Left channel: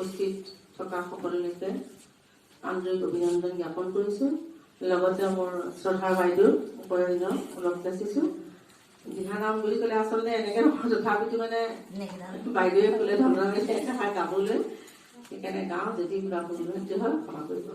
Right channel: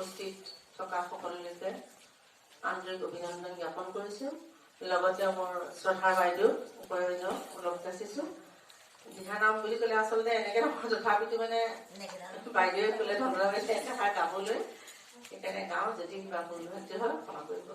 উপস্থিত থকা সকলোলৈকে আন্তৰিক অভিনন্দন জ্ঞাপন কৰিছোঁ। লগতে মোৰ শ্ৰদ্ধাৰ বাইদেউ উপৰঞ্জন অলপ যাচিছোঁ। দিহানাম বুলি ক'লে আচলতে এনেকৈ নহয়, তথাপিতো মানে বাইদেৱে ক'লে ধন্যবাদ এষাৰ গাবলৈ, সেইকাৰণে গাওঁ। যদি কিবা ভুল ভ্ৰান্তি হয় ক্ষমা কৰিব।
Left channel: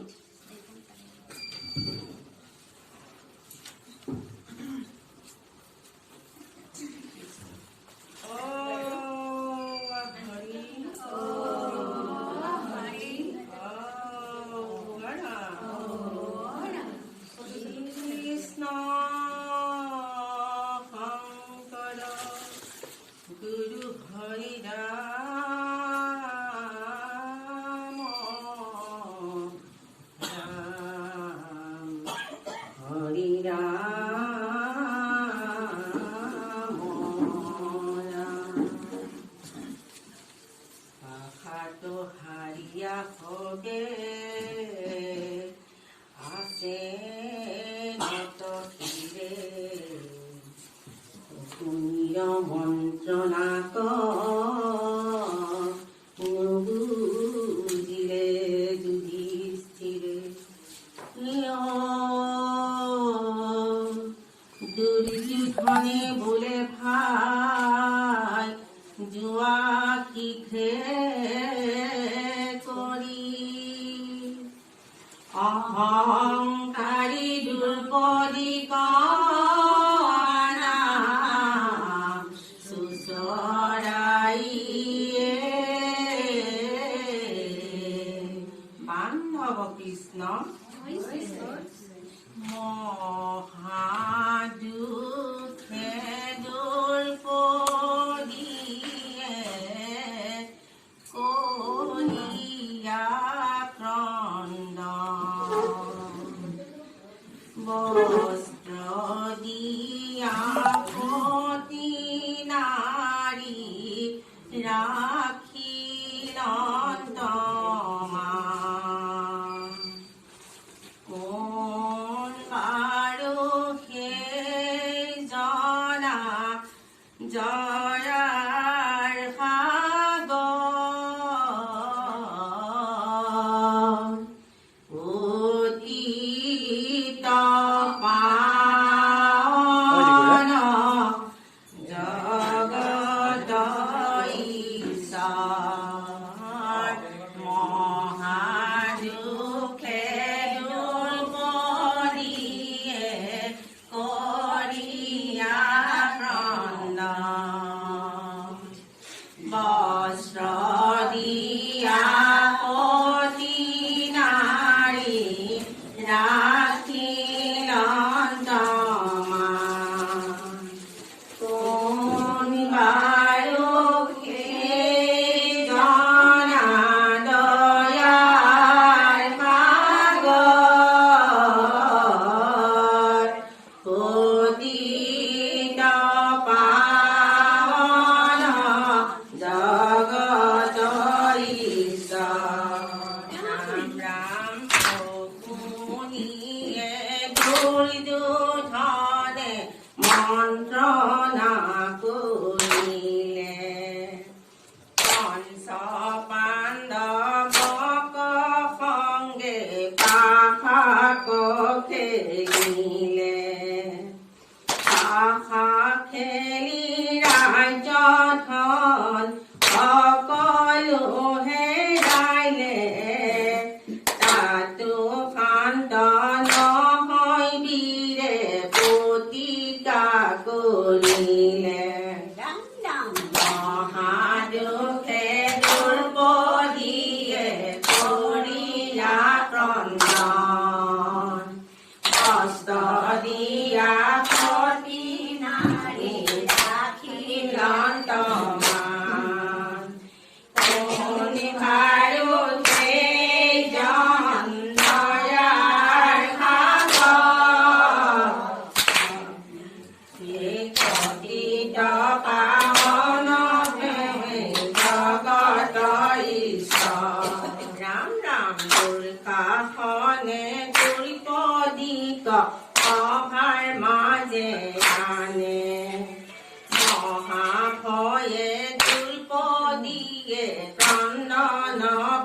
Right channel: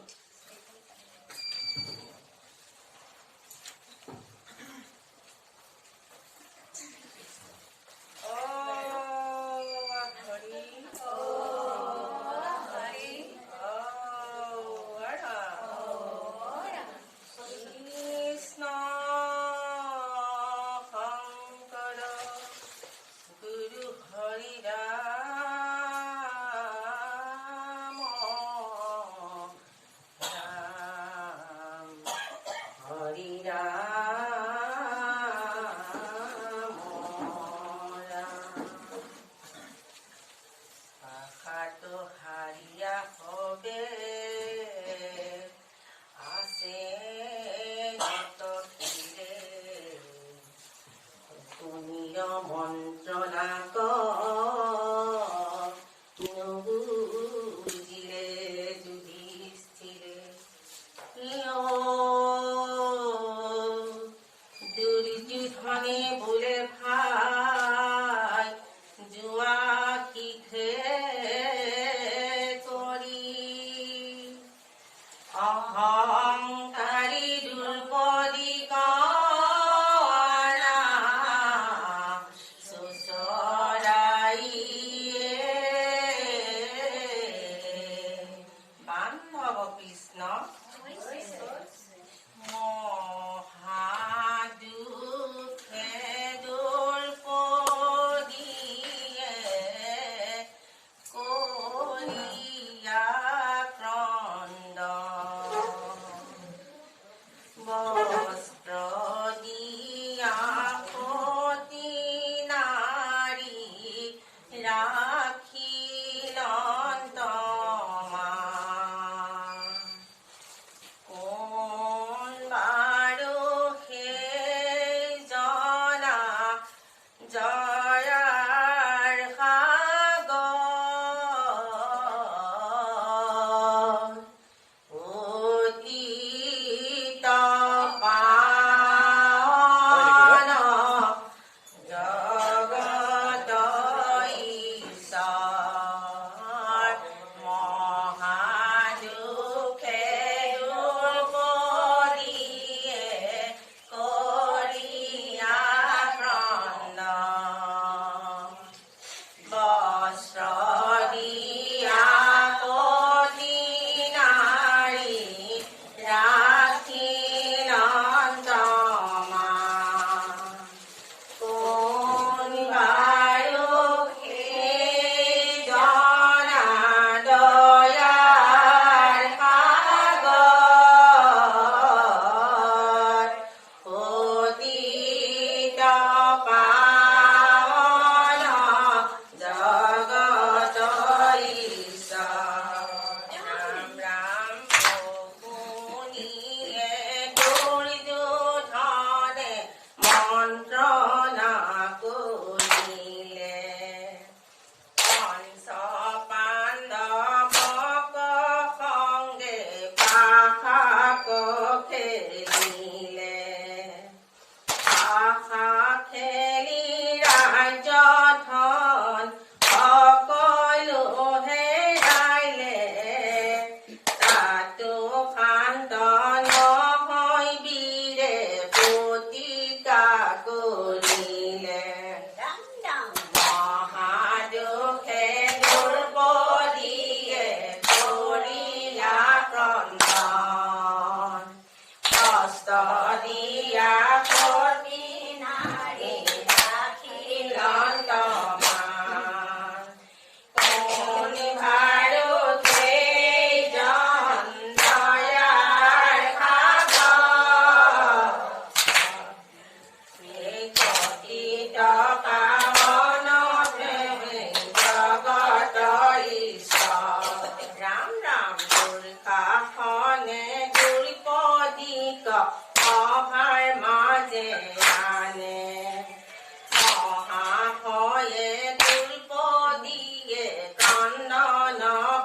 Nana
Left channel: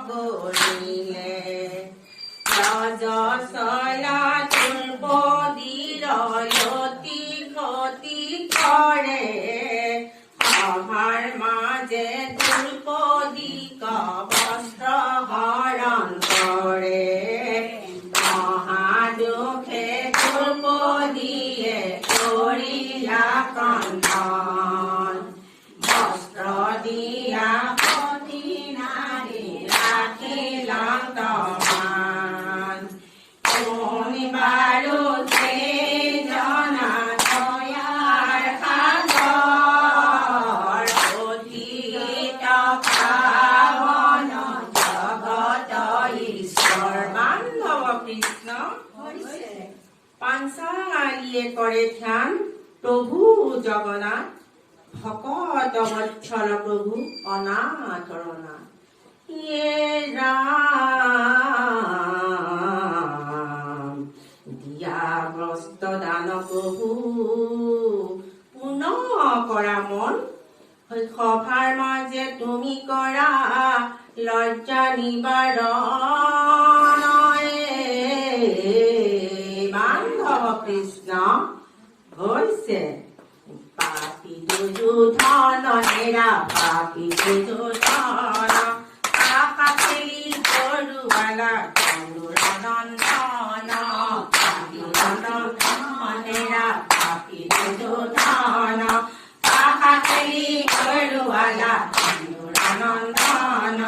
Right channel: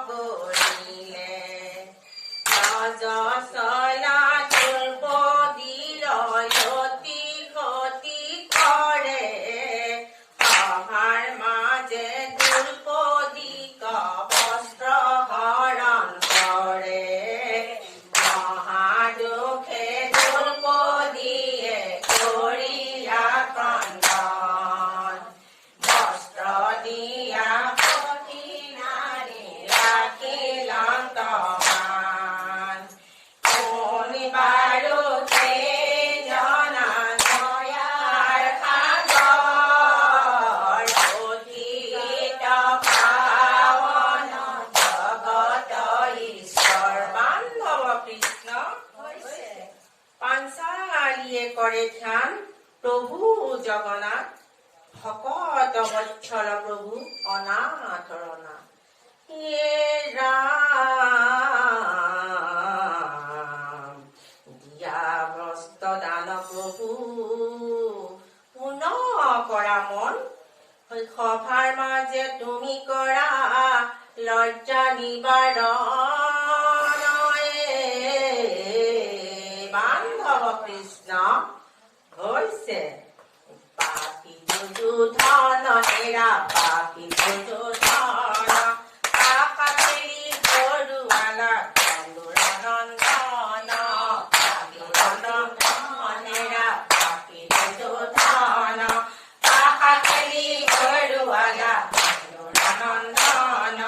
চলা দ্ৰৌপদীৰ লতি গতি কৰে সভাৰ মাজে দ্ৰৌপদীক বস্ত্ৰ হৰণ কৰে মহাদুখে দ্ৰৌপদীয়ে কৰিলা ক্ৰন্দন বস্ত্ৰ দিয়া সতী নাৰী ৰাখিলা তমান শুনিবাৰুতে জনা দয়াৰ সাগৰ অতীত পাৱন জগত ঈশ্বৰ বান্ধৱ কৃষ্ণ পাঞ্চালীয়ে কৰে ধ্যান প্ৰভু জগন্নাথ ভকত বৎসল প্ৰভু অনাথৰ নাথ হে ৰাম দিয়া বস্ত্ৰ দান প্ৰভু পুনঃ কৰা মন সভাৰ মাজে তুমি কৰা লজ্জা নিবাৰণ বান্ধৱ কৃষ্ণ হৈছে পাপী দুৰ্যোধন হেৰা পাপী দুৰ্যোধন আকাশেলি বৰুৱালা চন্দুৰনন্দন পাপী নন্দন হেৰা পাপী দুৰ্যোধন আকাশেলি বৰুৱালা চন্দুৰনন্দন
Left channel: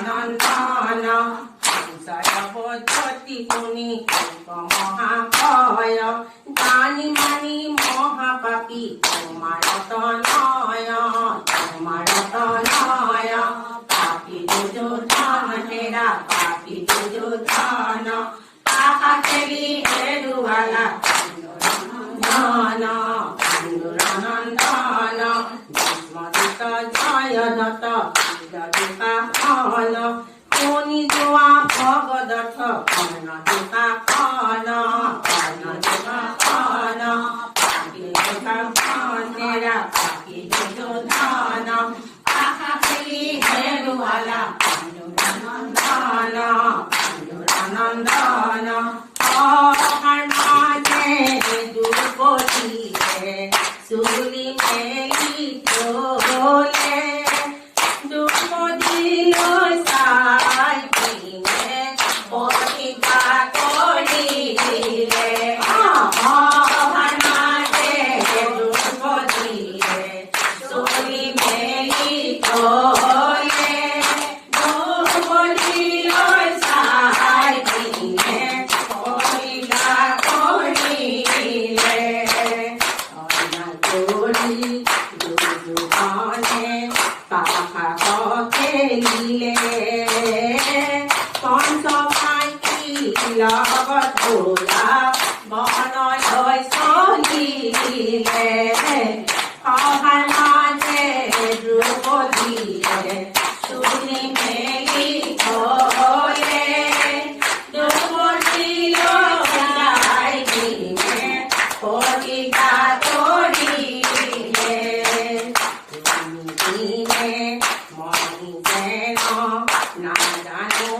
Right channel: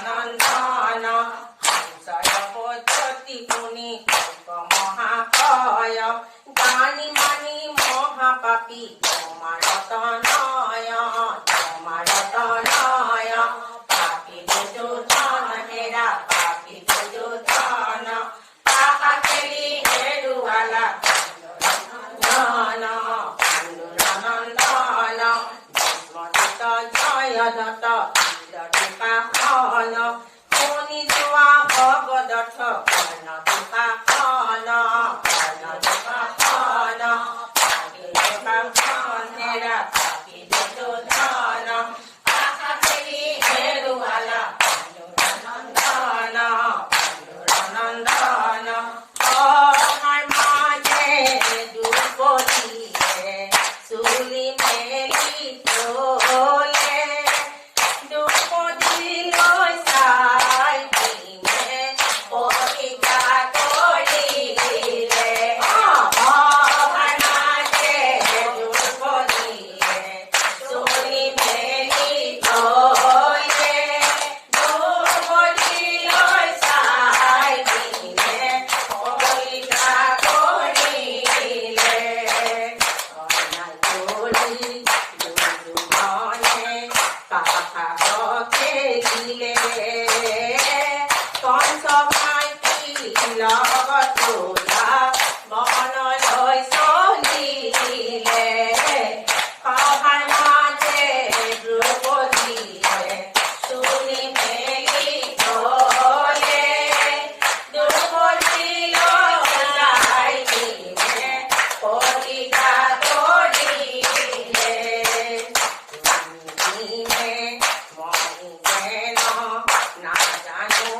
চন্দুৰনন্দন হংসৰ পদ্ধতি শুনি মহাভয় জানি মানি মহাপাপী তোমাৰ তনয় পাপী দুৰ্যোধন হেৰা পাপী দুৰ্যোধন আকাশেলি হেৰুৱালা চন্দুৰনন্দন ভীষ্মদূত জয়দত্ত বিদূষণ শুনি যোৱা ভগদত্ত কৰ্ণদূষণ হেৰা পাপী দুৰ্যোধন আকাশেলি হেৰুৱালা চন্দুৰনন্দন সভাৰ মাজে দ্ৰৌপদীয়ে চুলি মেলি থলে দ্ৰৌপদীলৈ চাই কিনে প্ৰতিজ্ঞা কৰিলে সভাৰ মাজে দ্ৰৌপদীয়ে চুলি মেলি থলে দ্ৰৌপদীলৈ চাই কিনে প্ৰতিজ্ঞা কৰিলে দুৰ্যোধনে পাশা খেলিলে কংস ভাইটি লগত ভোলা বনলৈ চলিলে সভাৰ মাজে দ্ৰৌপদীয়ে চুলি মেলি থলে দ্ৰৌপদীলৈ চাই কিনে প্ৰতিজ্ঞা কৰিলে মই যেন নাজানো